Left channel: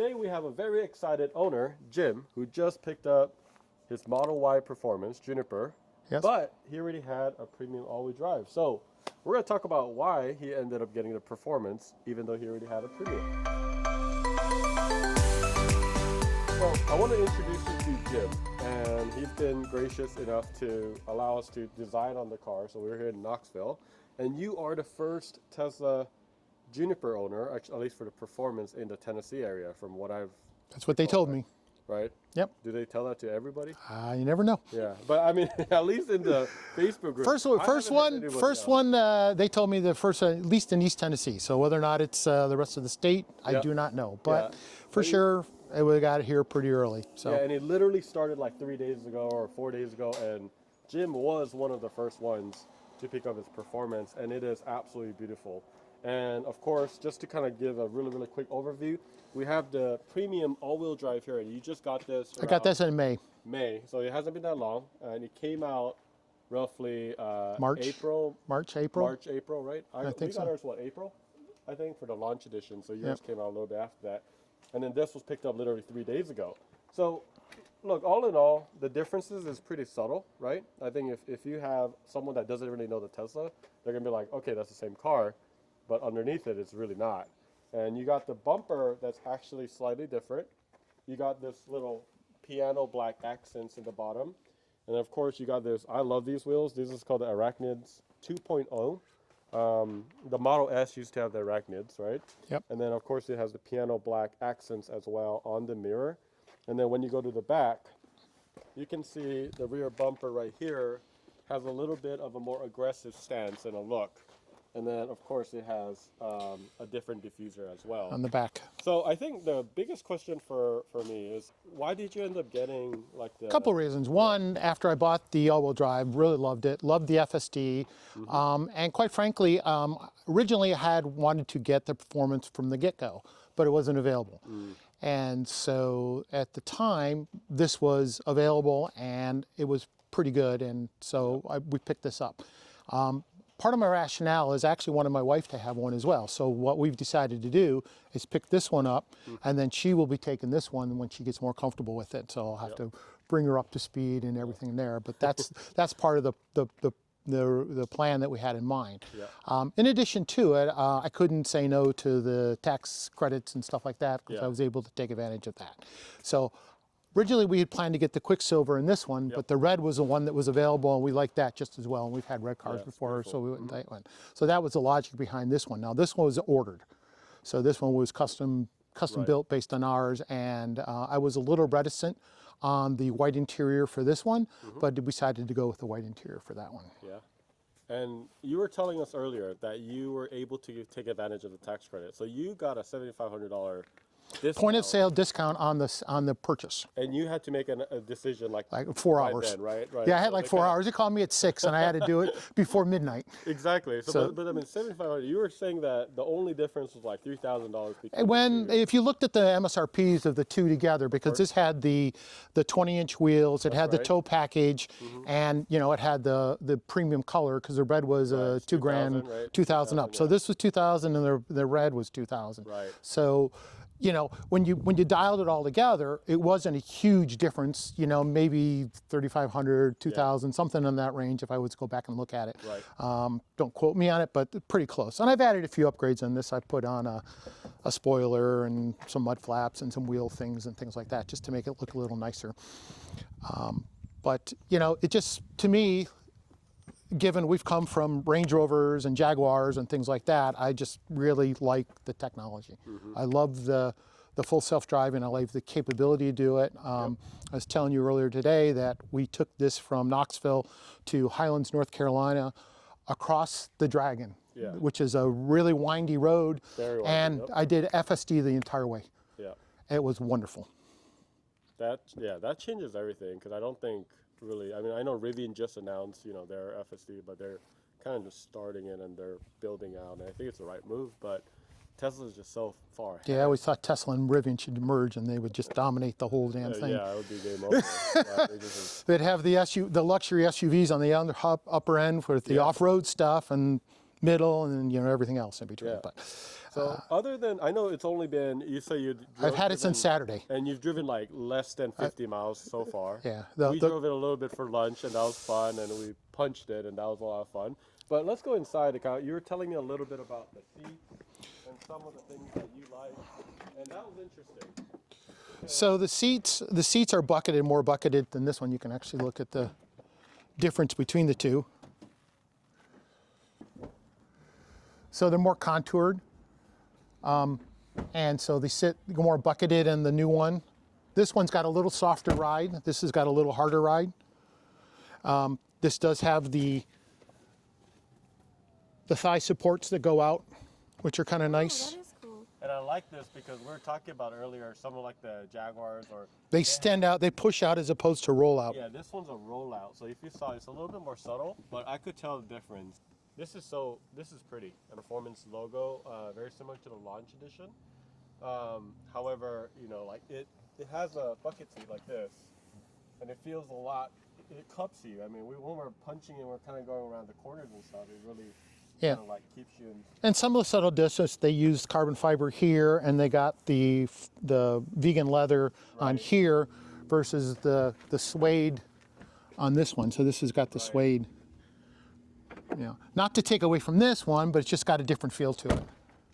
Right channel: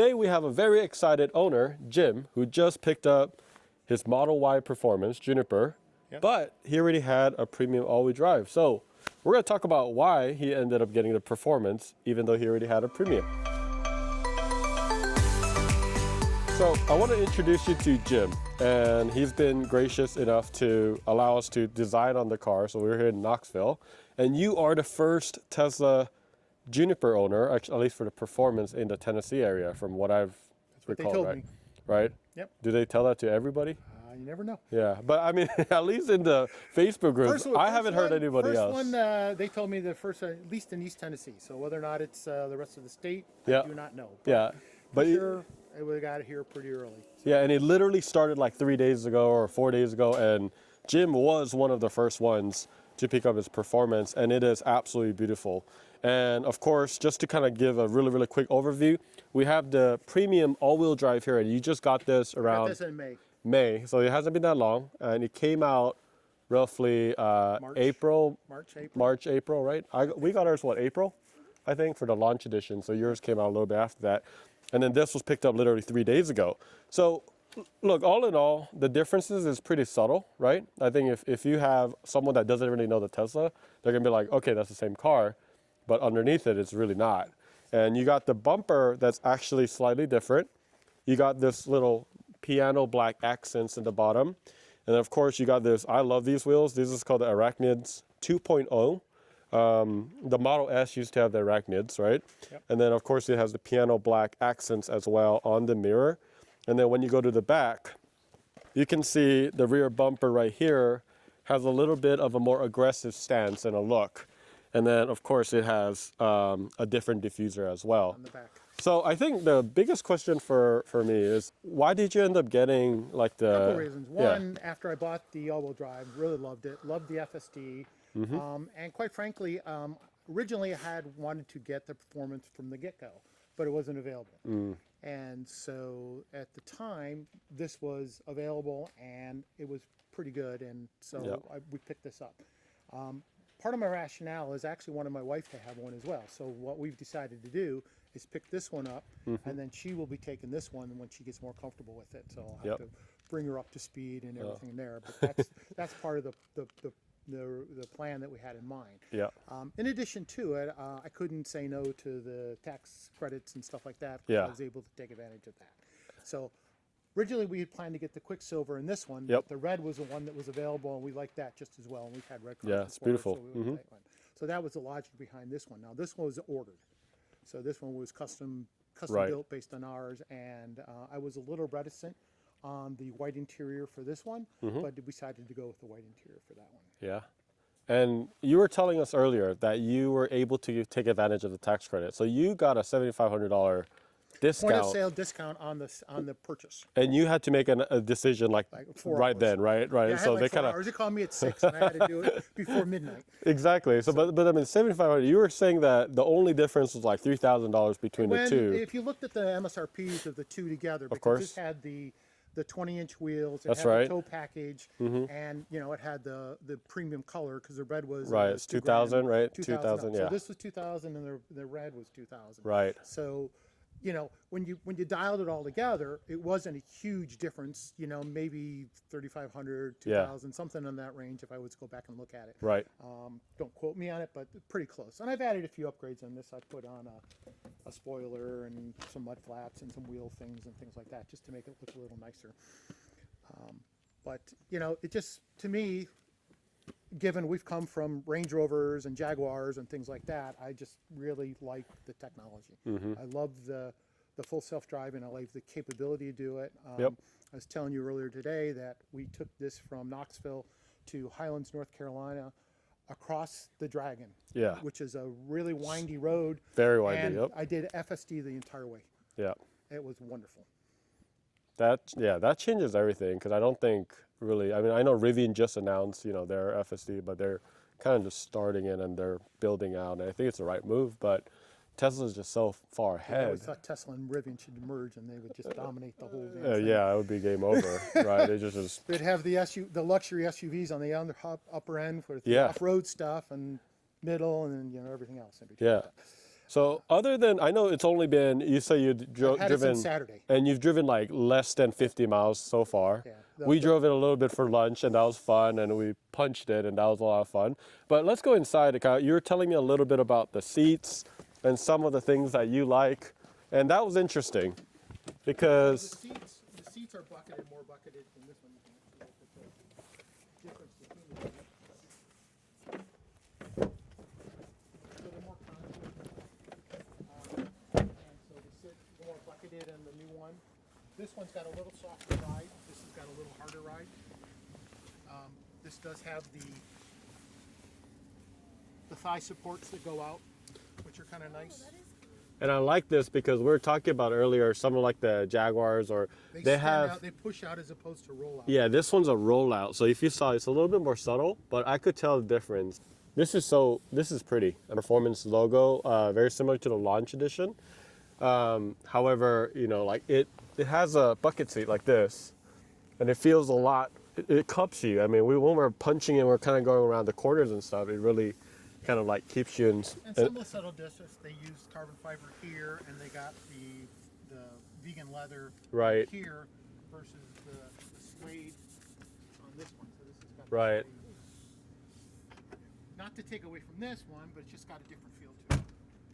today we have a very excited owner, Jim, who just picked up his Model Y Performance, Juniper, Yes. but he already had a premium all-wheel drive. So we're going to talk about why he ended up getting the Performance, even though he already had a premium. So I want to introduce you to Jim, and he's been gracious enough to allow us to design on the car. So we're here in Knoxville, and you are the first Tesla Juniper owner, at least for the Performance, in the Tennessee area, from what I've That's what they told right? me. Right? Yep. Do they tell that to everybody? You never know. Yeah, but I mean, at least in the Facebook group, I haven't heard anybody first else. one, they told me the first, at least in East Tennessee. So whether or not it's the rest of the state, I do not know. But for sure, we got here pretty early. So. Yeah, and it literally started like 3 days ago or 4 days ago, and Jim was one of the first ones to pick up his Performance, and it is absolutely beautiful. And of course, just to kind of give a really, really quick overview, we have the premium all-wheel drive here, and you just got this around... I got this in May. May, so it hasn't been that long, and it came out roughly April, right? We got ours, what, April, I think, for the launch edition, so yours came out a little bit after that. And then this was picked up literally 3 days ago. So look, all in all, the differences is pretty subtle, right? I think if you have someone that doesn't really know the Tesla, they're gonna be like, okay, that's the same car, but underneath it, it's really not. And you got the bumper that's actually slightly different. You got this little piano black accents in the bottom. And of course, you got this, I love these wheels. This is called the Arachnids 2.0. The Model S used to have the Arachnids, right? Yep. And then of course it has the piano black accents as well on the mirror. And then when you go to the back, you can see the rear bumper right here has a little bit of a more aggressive stance and a look. And then of course it has a different diffuser as well. On the back. So I think the biggest question for me is, why did you end up getting like the... A couple of reasons. One, after I bought the all-wheel drive, really loved it, loved the FSD. And quite frankly, originally I had wanted to get the Performance from the get-go, but it wasn't available. And so at the time, this was available and it was pretty good. And so we picked this up. Part of my rationale is actually wanted my wife to have one as well. So what we've decided to do is pick this one up, and then she will be taking this one when she gets more comfortable with it. So I'll have to bring her up to speed and everything there. But that's part of the plan that we had in mind. In addition to it, I couldn't say no to the tax credits and stuff like that because I was able to take advantage of that. So originally we had planned to get the Quicksilver in this one, but the red was the one that was available, and we liked that just as well. And we've had red cars before, so we went with that one. So that was the logic behind this one. Now this one was ordered, so this one was custom built based on ours, and I was a little reticent on the white interior for this one, but decided to go with the white interior for that one. Yeah. And you were telling us earlier that you were able to take advantage of the tax credit. So you got a $7,500 discount. Point of sale discount on the purchase. And you had to make a decision like 4 hours. Right then, right? Yeah, I had like 4 hours. It called me at 6, and I had to do it before midnight. Exactly. So but I mean, $7,500. You were saying that the only difference was like $3,000 between the two. If you looked at the MSRPs of the two together, because this had the 20-inch wheels, it had the tow package, and it had the premium color because the red was $2,000, right? 2,000 up. So this was 2,000, and the red was 2,000. Right. So when you dialed it all together, it wasn't a huge difference, maybe 3,500, 2,000, something in that range if I was to go back and look at it. Right. Don't quote me on it, but pretty close. And I've added a few upgrades on this. I've put on a spoiler and some mud flaps and some wheel things and things like that just to make it look a little nicer. But, it just, to me, given we've come from Range Rovers and Jaguars and things like that, I just really like the technology. I love the full self-driving. I like the capability to do it. I was telling you earlier today that we took this from Knoxville to Highlands, North Carolina, across the Dragon, which is a really windy road. Very windy, and I did FSD the entire way. Yeah. It was wonderful. That changes everything, because I don't think really, I mean, I know Rivian just announced, their FSD, but they're kind of just starting it and they're building out, and I think it's the right move, but Tesla's just so far ahead. Yeah, I always thought Tesla and Rivian should merge and they would just dominate the whole damn thing. Yeah, it would be game over, right? It just is. They'd have the luxury SUVs on the upper end for the off-road stuff, and middle, and then everything else in between. Yeah. But, so other than, I know it's only been, you say I've had it since Saturday. And you've driven like less than 50 miles so far. Yeah. We drove it a little bit for lunch, and that was fun, and we punched it, and that was a lot of fun. But let's go inside. You were telling me a little bit about the seats and some of the things that you like, and that was interesting. Because so the seats are bucketed, more bucketed than this one. You can actually look at the difference between the two. So they're more contoured, and so they sit more bucketed in the new one. This one's got a little softer ride. This has got a little harder ride. This does have the thigh supports that go out, which are kind of nice. And I like this because we were talking about earlier, something like the Jaguars, or they stand out, they push out as opposed to roll out. Yeah, this one's a rollout. So if you saw, it's a little bit more subtle, but I could tell the difference. This is pretty. A performance logo, very similar to the launch edition. However, like it has a bucket seat like this, and it feels a lot. It cups you. I mean, when we're punching and we're kind of going around the corners and stuff, it really kind of like keeps you in. And some of the subtle differences, they used carbon fiber here, and they got the vegan leather on here versus the suede on this one. So this has got the suede. Not to take away from this one, but it's just got a different feel to it.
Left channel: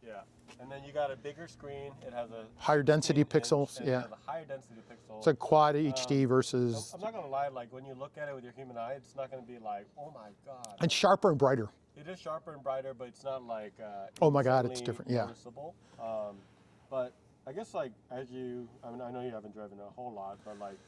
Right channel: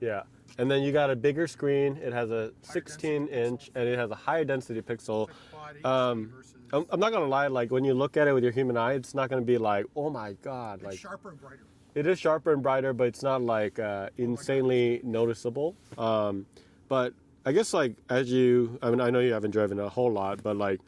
Yeah. And then you got a bigger screen. It has a higher density pixels, and it has a higher density pixel. It's a quad HD versus. I'm not gonna lie. Like when you look at it with your human eye, it's not gonna be like, oh my god. And sharper and brighter. It is sharper and brighter, but it's not like insanely noticeable. But I guess like I know you haven't driven a whole lot, but like,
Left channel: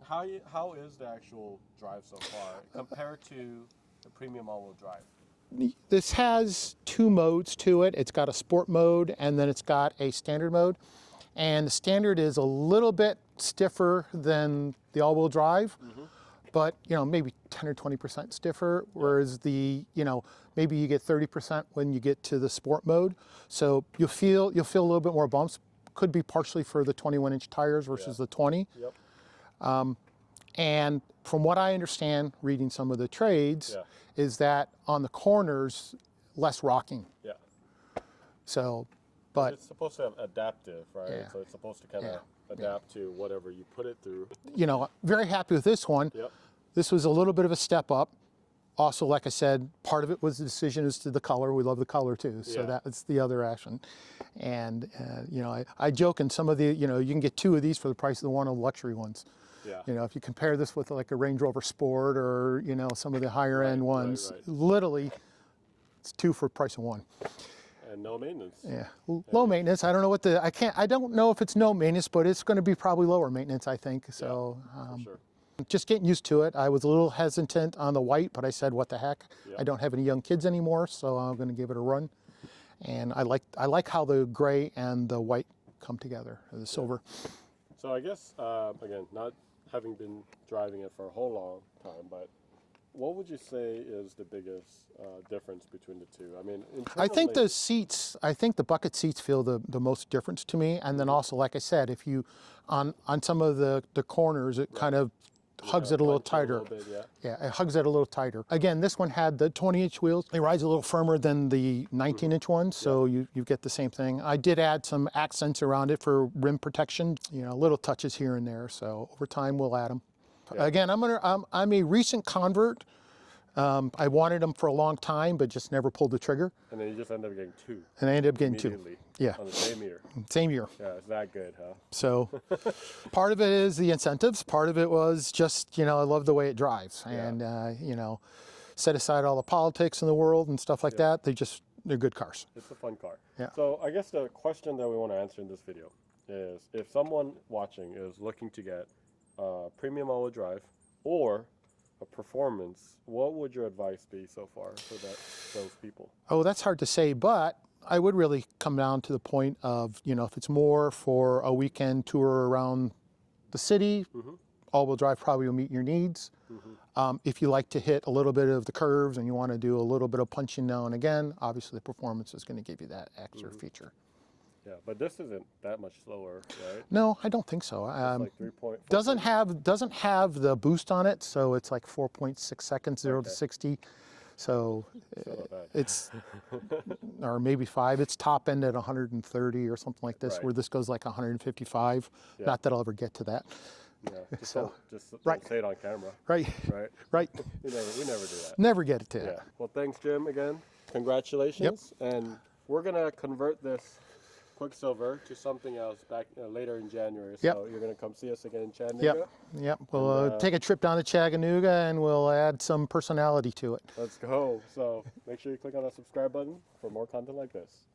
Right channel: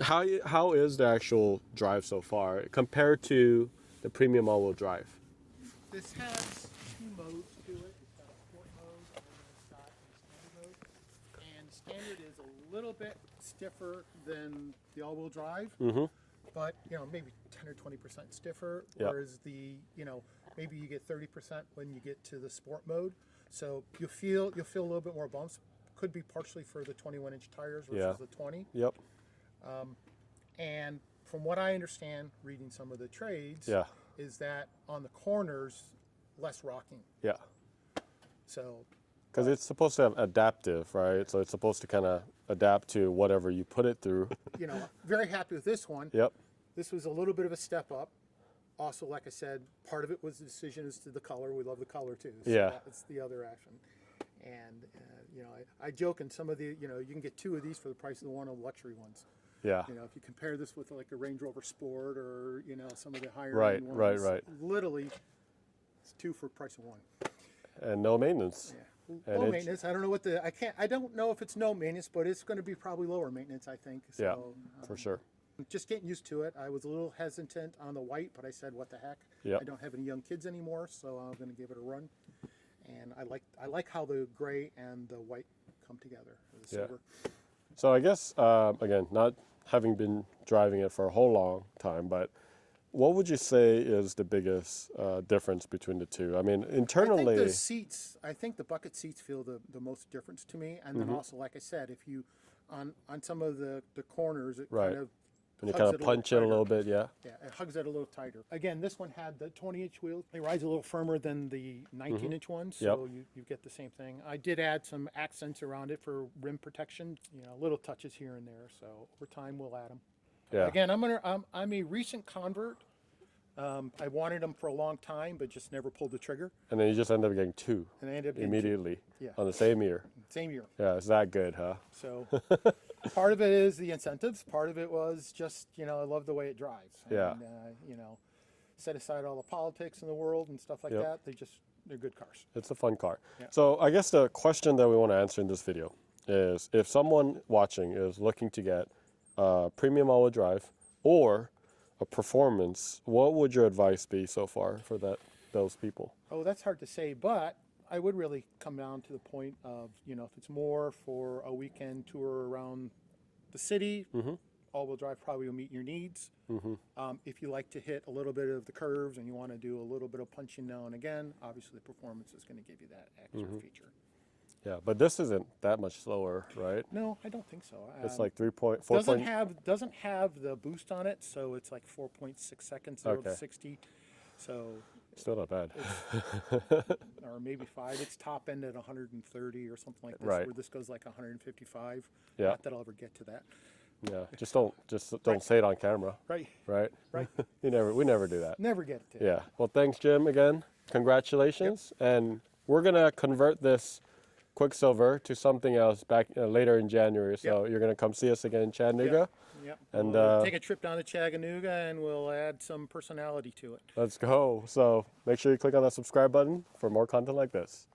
how is the actual drive so far compared to the premium all-wheel drive? This has two modes to it. It's got a sport mode, and then it's got a standard mode. And the standard is a little bit stiffer than the all-wheel drive, but maybe 10 or 20% stiffer. Whereas maybe you get 30% when you get to the sport mode. So you'll feel a little bit more bumps. Could be partially for the 21-inch tires versus the 20. Yep. And from what I understand, reading some of the trades, is that on the corners, less rocking. Yeah. So, because it's supposed to have adaptive, right? Yeah. So it's supposed to kind of adapt to whatever you put it through. Very happy with this one. Yep. This was a little bit of a step up. Also, like I said, part of it was the decision as to the color. We love the color too. So that's the other action. And, I joke in some of the, you can get two of these for the price of the one of the luxury ones. Yeah. If you compare this with like a Range Rover Sport or, some of the higher end ones, literally it's two for the price of one. And no maintenance. Yeah, low maintenance. I don't know I don't know if it's no maintenance, but it's going to be probably lower maintenance, I think. So for sure. Just getting used to it. I was a little hesitant on the white, but I said, what the heck? Yep. I don't have any young kids anymore, so I'm going to give it a run. And I like how the gray and the white come together, or the silver. So I guess, again, not having been driving it for a whole long time, but what would you say is the biggest difference between the two? I mean, internally. I think the seats, the bucket seats feel the most difference to me. And then also, like I said, if you, on some of the corners, it kind of hugs it a little tighter. A little bit, yeah, it hugs it a little tighter. Again, this one had the 20-inch wheels. It rides a little firmer than the 19-inch one, so you get the same thing. I did add some accents around it for rim protection, little touches here and there. So over time, we'll add them. Yeah. Again, I'm a recent convert. I wanted them for a long time, but just never pulled the trigger. And then you just ended up getting two. And I ended up getting immediately. Two. Yeah. On the same year. Same year. Yeah, it's that good, huh? So part of it is the incentives. Part of it was just, I love the way it drives. Yeah. And, set aside all the politics in the world and stuff like that. They're good cars. It's a fun car. Yeah. So I guess the question that we want to answer in this video is if someone watching is looking to get a premium all-wheel drive or a performance, what would your advice be so far for those people? Oh, that's hard to say, but I would really come down to the point of, if it's more for a weekend tour around the city, all-wheel drive probably will meet your needs. If you like to hit a little bit of the curves and you want to do a little bit of punching now and again, obviously the performance is going to give you that extra feature. Yeah, but this isn't that much slower, right? No, I don't think so. It's like 3.4. Doesn't have the boost on it, so it's like 4.6 seconds, 0 to 60. So Still not bad. it's, or maybe 5. It's top end at 130 or something like this, Right. where this goes like 155. Yeah. Not that I'll ever get to that. Yeah, just So- don't Right. say it on camera, Right, right? right. We never do that. Never get it to. Yeah. Well, thanks, Jim. Again, congratulations. And we're gonna convert this Quicksilver to something else back later in January. So you're gonna come see us again in Chattanooga. Yep. We'll And, take a trip down to Chattanooga and we'll add some personality to it. Let's go. So make sure you click on that subscribe button for more content like this.